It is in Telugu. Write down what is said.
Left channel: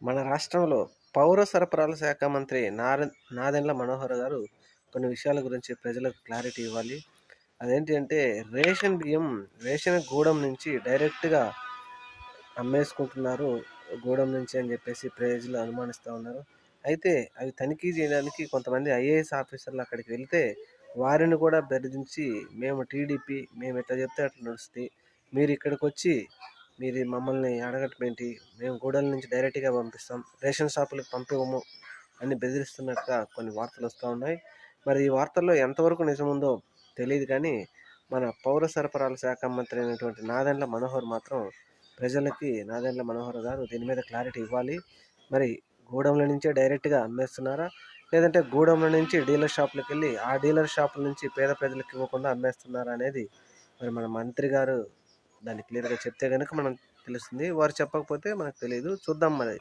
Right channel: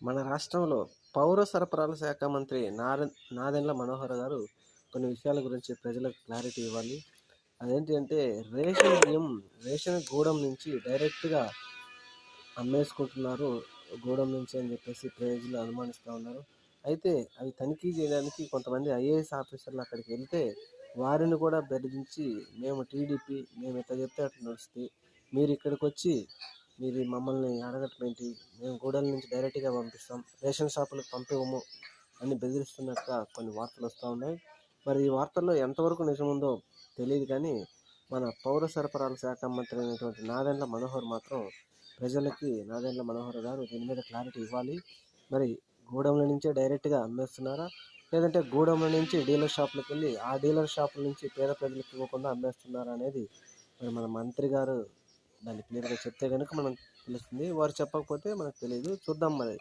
మన రాష్ట్రంలో పౌర సరఫరాల శాఖ మంత్రి నాదెండ్ల మనోహర్ గారు కొన్ని విషయాల గురించి ప్రజలకు క్లారిటీ ఇవ్వాలి. అదేంటి అంటే రేషన్ బియ్యం రేషన్ గూడెం నుంచి డైరెక్ట్‌గా అమ్మేసుకుంటున్నారు. గూడెం నుంచి అని చెప్పేసి ప్రజలు అనుమానిస్తా ఉన్నారు. అయితే అవి తనిఖీ చేయడానికి కొంతమంది ఐఏఎస్ ఆఫీసర్లు అక్కడికి వెళ్తే వారిని కూడా బెదిరించి మేము టీడీపీ మేము ఎట్లా చెప్తే అట్లా నడుస్తది. మీరు ఇక్కడికొచ్చి మీరు మమ్మల్ని అడగటం ఏంటి? మేము గూడెం నుంచి డైరెక్ట్‌గా పంపిస్తాం. రేషన్ షాపులకు పంపివ్వము అని బెదిరిస్తున్నట్టుగా కొన్ని వార్తలు వస్తూ ఉన్నాయి. మరి ఈ వార్తల్లో ఎంతవరకు నిజముందో తెలీదు కానీ మన పౌర సరఫరాల శాఖ మంత్రి అయినటువంటి నాదెండ్ల మనోహర్ మాత్రం నాదెండ్ల మనోహర్ గారు దీని మీద క్లారిటీ ఇవ్వాలి. మరి గూడెంల నుంచే డైరెక్ట్‌గా అమ్మేస్తున్నారా? లేదంటే గూడెంల నుంచి డీలర్ షాపులకి వెళ్ళి ఆ డీలర్ షాపుల నుంచి పేద ప్రజలకు ఇవ్వకుండా అమ్మేస్తున్నారా అనేది మరి మన మంత్రి గారు దాన్ని క్లియర్‌గా చెప్తే గనుక మనం తెలుస్తుంది. వారు చెప్పకపోతే మనకు తెలీదు. చూద్దాం మరి.